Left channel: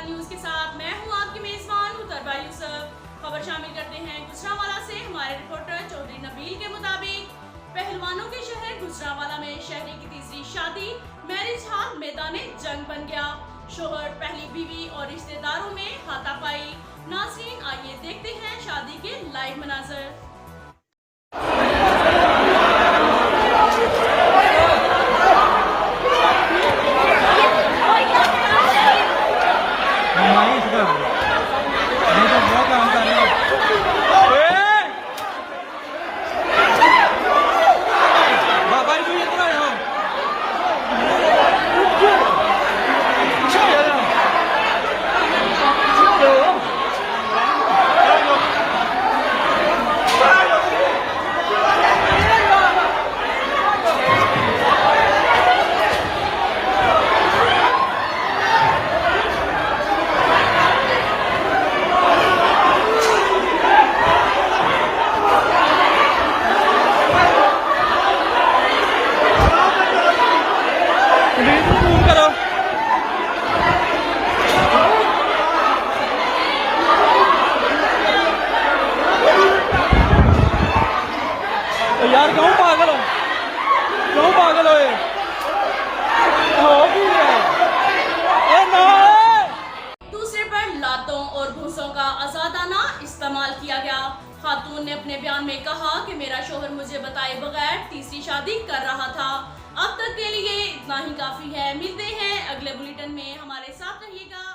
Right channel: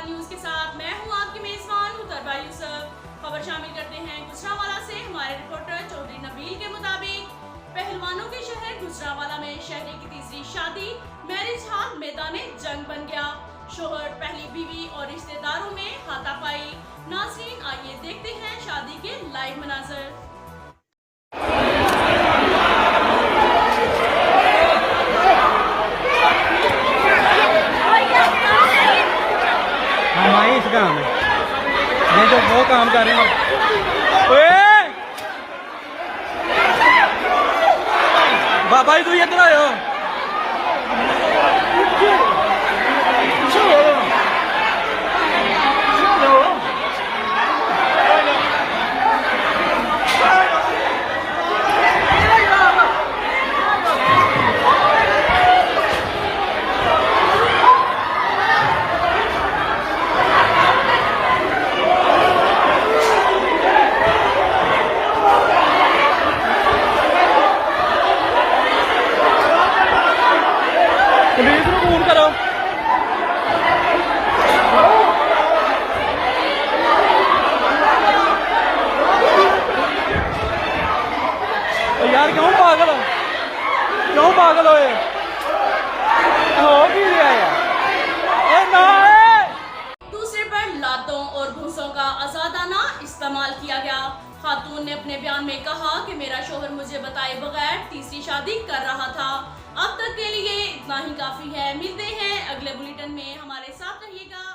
News के साथ मैं हूं आपकी मेजबान उत्तरबा यूसुफ। खबर शामिल करते हैं गुजरांवाला से। हमारे रिपोर्टर चौधरी नबील के मुताबिक पहलवानों के शहर गुजरांवाला में शहरी की तीसरी शादी मैरिज हॉल मैदान जंग बन गया। शोहर, पहली बीवी और रिश्तेदारों में हाथापाई। नाज़रीन, आइए देखते हैं शादी के लाइव मनाजर। बहुत काम कर रही बाबा तू इधर आया फोन करो यार। क्यों पागल होए हो की दूसरे पर लातों और घूसों का आजादाना इस्तेमाल किया गया। खातून ने अपने बयान में कहा कि मेरा शोहर मुझे बताए बगैर तीसरी शादी कर रहा था। अब तक के लिए इतना ही काफी है। मिलते हैं अगले बुलेटिन में, हमारे साथ रहिएगा।